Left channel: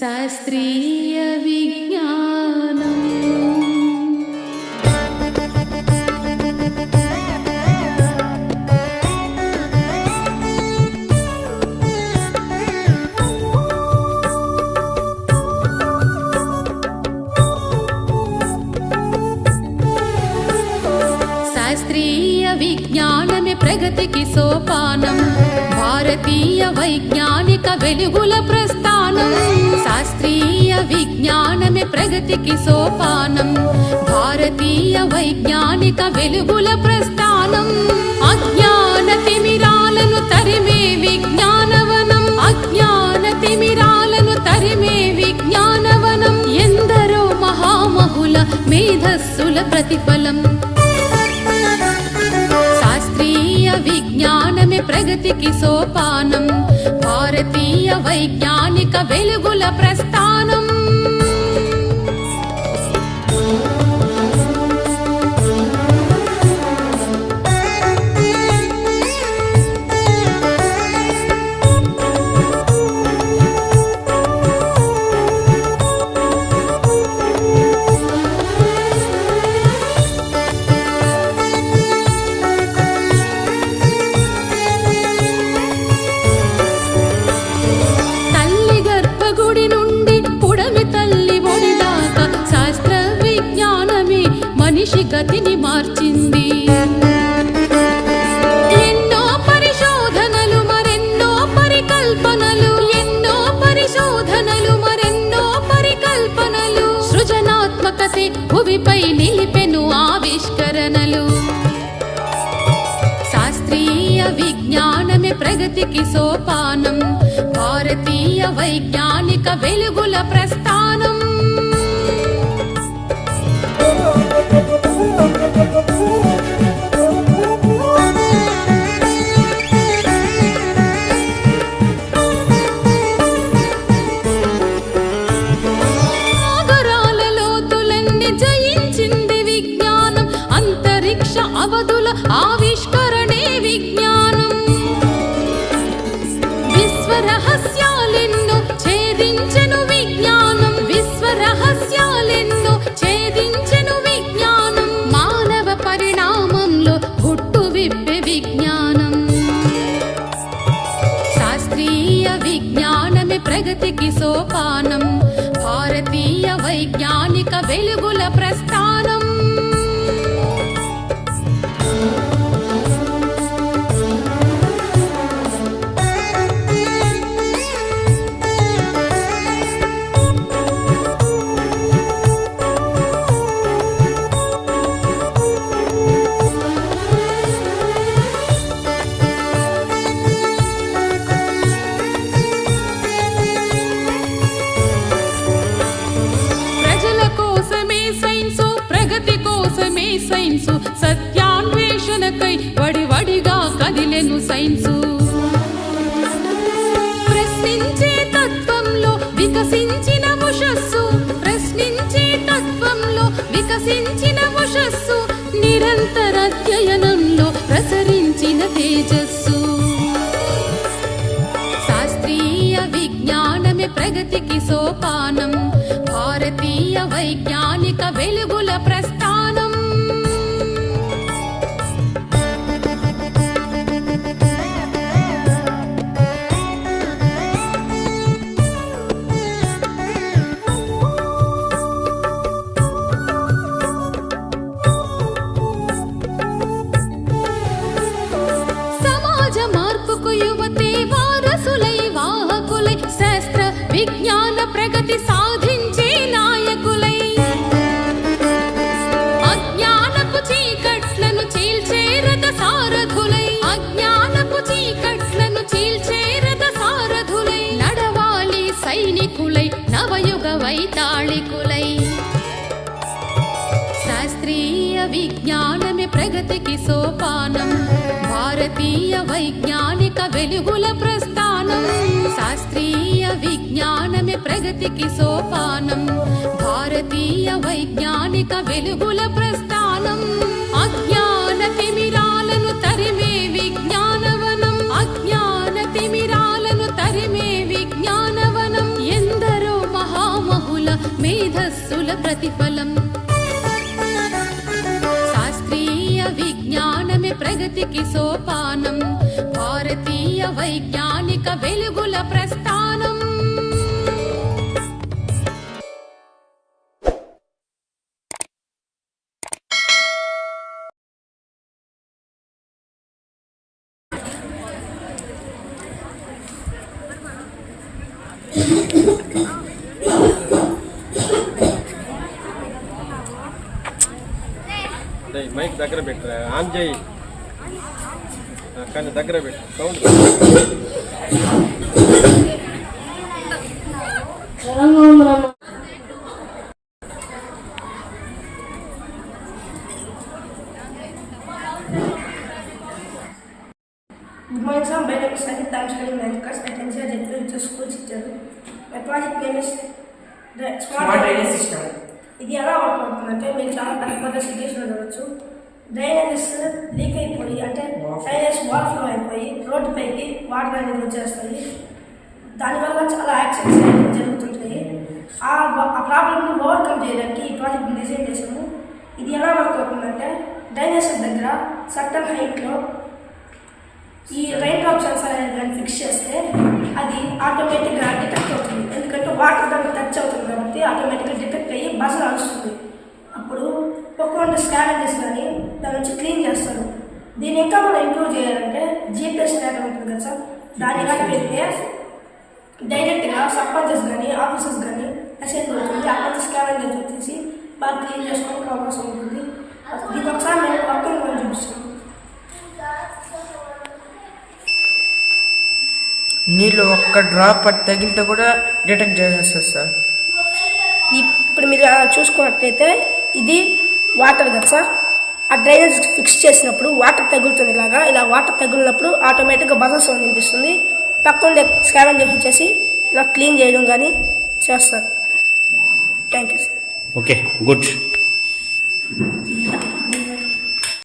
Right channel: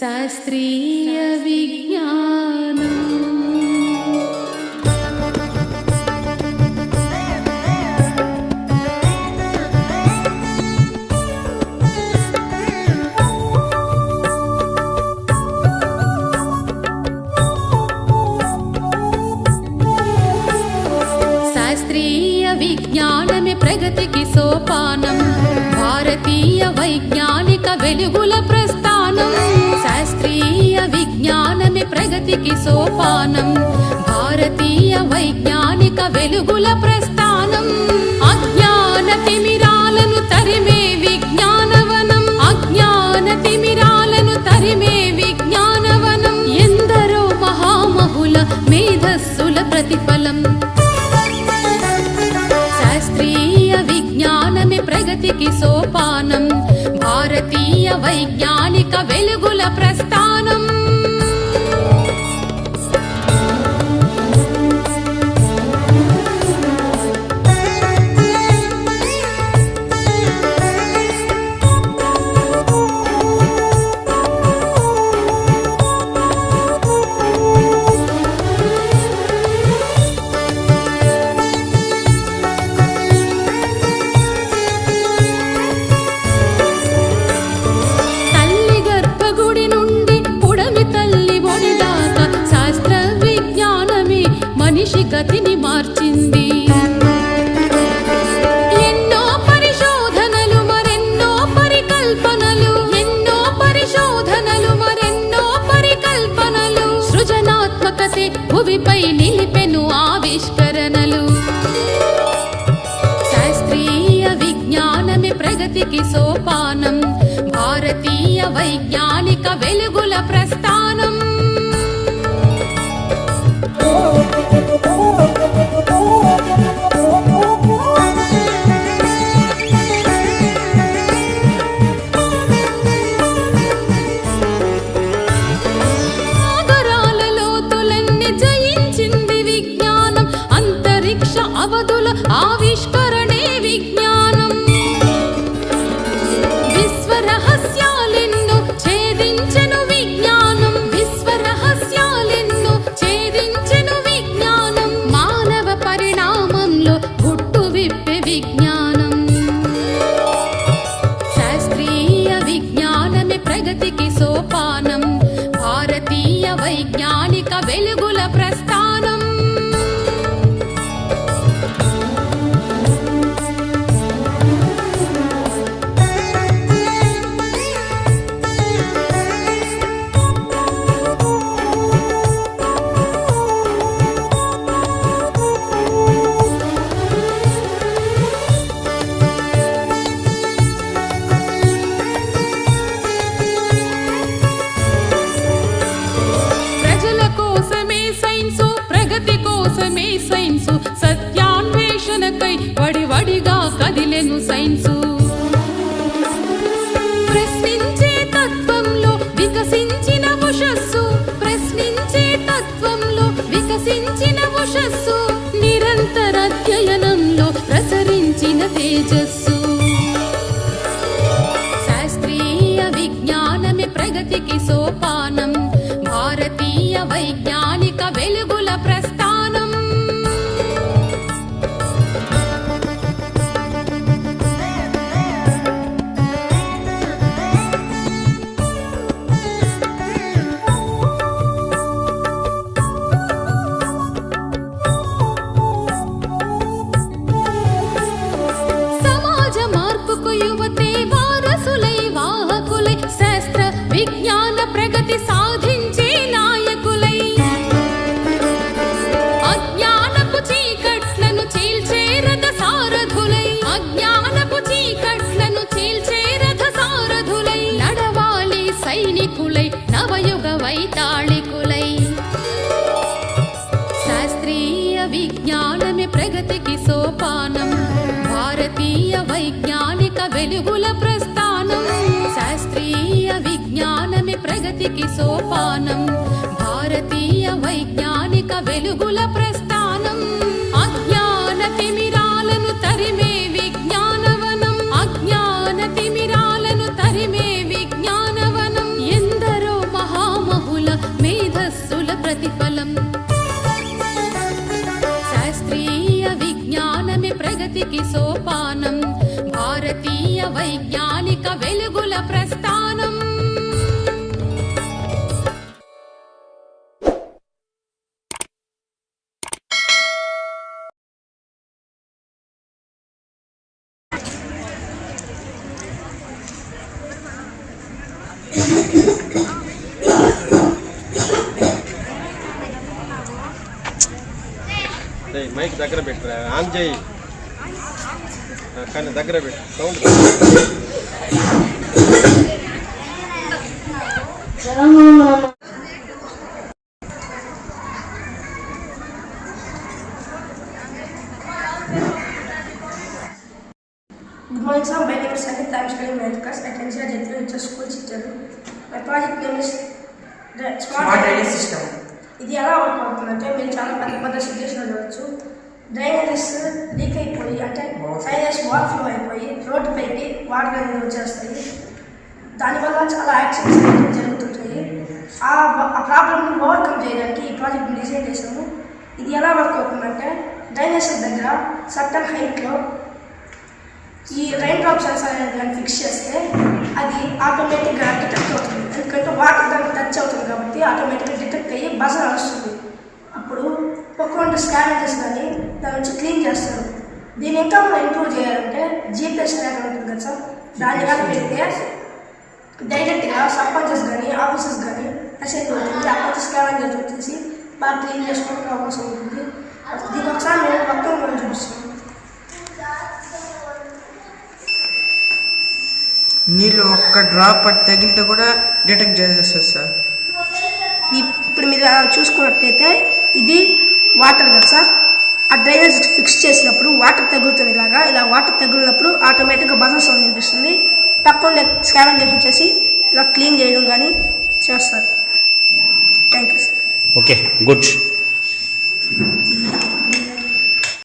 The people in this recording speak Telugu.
శాస్త్రీయ విజ్ఞానం. శాస్త్రీయ విజ్ఞానమే ప్రగతికి సోపానం, భారతీయ వైజ్ఞానిక వెలుగుల ప్రస్థానం. శాస్త్రీయ విజ్ఞానమే ప్రగతికి సోపానం, భారతీయ వైజ్ఞానిక వెలుగుల ప్రస్థానం. అజ్ఞాన తిమిరాలను తరిమే విజ్ఞానవనం, అజ్ఞాన తిమిరాలను తరిమే విజ్ఞానవనం. ఎందరో మహామహుల మేధస్సుల ప్రతిఫలం. విజ్ఞానమే ప్రగతికి సోపానం, భారతీయ వైజ్ఞానిక వెలుగుల ప్రస్థానం. గుడి నుండి పుడమి తల్లి ఒడి దాకా శాస్త్ర విజ్ఞానమే మనిషి గతిని మార్చింది. ఎన్నో పరిశోధనలు మరెన్నో పరికల్పనలు, ఎన్నో పరిశోధనలు మరెన్నో పరికల్పనలు. సృజనాత్మకతే భువిపై నిలిపెను ఆవిష్కరణలు. శాస్త్రీయ విజ్ఞానమే ప్రగతికి సోపానం, భారతీయ వైజ్ఞానిక వెలుగుల ప్రస్థానం. సాగరాల లోతులన్నీ జయించింది విజ్ఞానం, అంతరిక్ష అవధుల ఆవిష్కరణే విజ్ఞానం. విశ్వరహస్యాలెన్నో ఛేదించెను విజ్ఞానం, విశ్వరహస్యాలెన్నో ఛేదించెను విజ్ఞానం. మానవ పరిణామంలో గుట్టు విప్పే విజ్ఞానం. శాస్త్రీయ విజ్ఞానమే ప్రగతికి సోపానం, భారతీయ వైజ్ఞానిక వెలుగుల ప్రస్థానం. కోసమే సైన్సు, ప్రగతి కోసమే సైన్సు, సత్యాన్వేషణకై వడివడిగా కదిలెను సైన్సు. ప్రశ్నించే తత్వంలో వికసించిన ఉషస్సు, ప్రశ్నించే తత్వంలో వికసించిన ఉషస్సు. నిరంతర అధ్యయనంలో ప్రసరించిన తేజస్సు. శాస్త్రీయ విజ్ఞానమే ప్రగతికి సోపానం, భారతీయ వైజ్ఞానిక వెలుగుల ప్రస్థానం. సమాజ మార్పుకు యువతే వారసులై వాహకులై, శాస్త్ర విజ్ఞాన ప్రగతి సాధించే నాయకులై. అజ్ఞానపు చీకట్లను చీల్చే రథ సారథులై, అజ్ఞానపు చీకట్లను చీల్చే రథ సారథులై. నడవాలి సైనికులై, నవయుగ వైతాళికులై. శాస్త్రీయ విజ్ఞానమే ప్రగతికి సోపానం, భారతీయ వైజ్ఞానిక వెలుగుల ప్రస్థానం. శాస్త్రీయ విజ్ఞానమే ప్రగతికి సోపానం, భారతీయ వైజ్ఞానిక వెలుగుల ప్రస్థానం. అజ్ఞాన తిమిరాలను తరిమే విజ్ఞానవనం, అజ్ఞాన తిమిరాలను తరిమే విజ్ఞానవనం. ఎందరో మేధస్సుల ప్రతిఫలం శాస్త్రీయ విజ్ఞానమే ప్రగతికి సోపానం భారతీయ వైజ్ఞానిక వెలుగుల ప్రస్థానం మైక్ దగ్గర పెట్టరా ఆన్ చేయి కానీ దగ్గర పెట్టు sound Good morning, sir. My name is Sandeep. I am studying 9th class at NCR Jethro. It's a school teacher. My project name is the Smart Drainage System. ఇది ఎలా వర్క్ అవుతుందంటే మీరు చాలా పెద్ద సిటీస్లో చూడవచ్చు. డ్రైనేజెస్ లీక్ అయిపోయి అంటే డ్రైనేజ్ వాటర్ ఫ్లో అయిపోయి రోడ్డు పైకి వాటర్ అనేది వచ్చేస్తాయి. దానివల్ల చాలా యాక్సిడెంట్స్ అనేవి జరుగుతుంటాయి. ఆ ప్రాబ్లమ్ని ఓవర్కమ్ చేయడానికి ఈ ప్రాజెక్ట్ని డిజైన్ చేసాము. ఇది ఎలా వర్క్ అవుతుందంటే డ్రైనేజ్ దగ్గర సర్టన్ హైట్లో ఈ రైన్ డ్రాప్ సెన్సార్ అనేది కానీ ఫిక్స్ చేస్తే అది ఆటోమేటిక్గా డిటెక్ట్ అవుతుంది. ఎందుకంటే వాటర్ దానికి టచ్ అవుతుంది కాబట్టి ఆటోమేటిక్గా డిటెక్ట్ అయ్యి బజర్ వస్తుంది. అప్పుడు ఒక్కొక్క స్కావేంజర్స్ కానీ దాని నుంచి క్లీన్ చేస్తారు. దీన్ని ఇంకా మనం ఇంప్రూవ్ చేయాలంటే జీపీఎస్ ట్రాకర్ ఉంటుంది కదా సార్, దాన్ని కానీ పెడితే డైరెక్ట్గా సర్పంచెస్ కానీ ఆఫీసర్స్ కానీ మెసేజ్ అవుతుంది. అక్కడ స్కావేంజర్స్ వచ్చేసి బాగా క్లీన్ చేసుకోవడానికి అవకాశం ఉంటుంది. దీనికి ఒకసారి మేము మొత్తం మనం చూపిస్తాం. నీళ్ళు ఒక్క డ్రాప్ తగిలితే కూడా డిటెక్ట్ చేసేస్తుంది సార్. ఇప్పుడు మీరు చూసుకున్నట్లయితే ఇది వాటర్ కదా సార్, ఆ డ్రైనేజ్ ఫిక్స్ చేసినప్పుడు వాటర్ తగులుతుంది. ఇలా వాటర్ తగిలినప్పుడు ఆటోమేటిక్గా బజర్ సౌండ్ వినిపిస్తుంది. పక్కన స్కావెంజర్స్ వచ్చేసి ఇలా క్లీన్ చేయడం కానీ చేస్తారు. Thank you sir. Okay, good.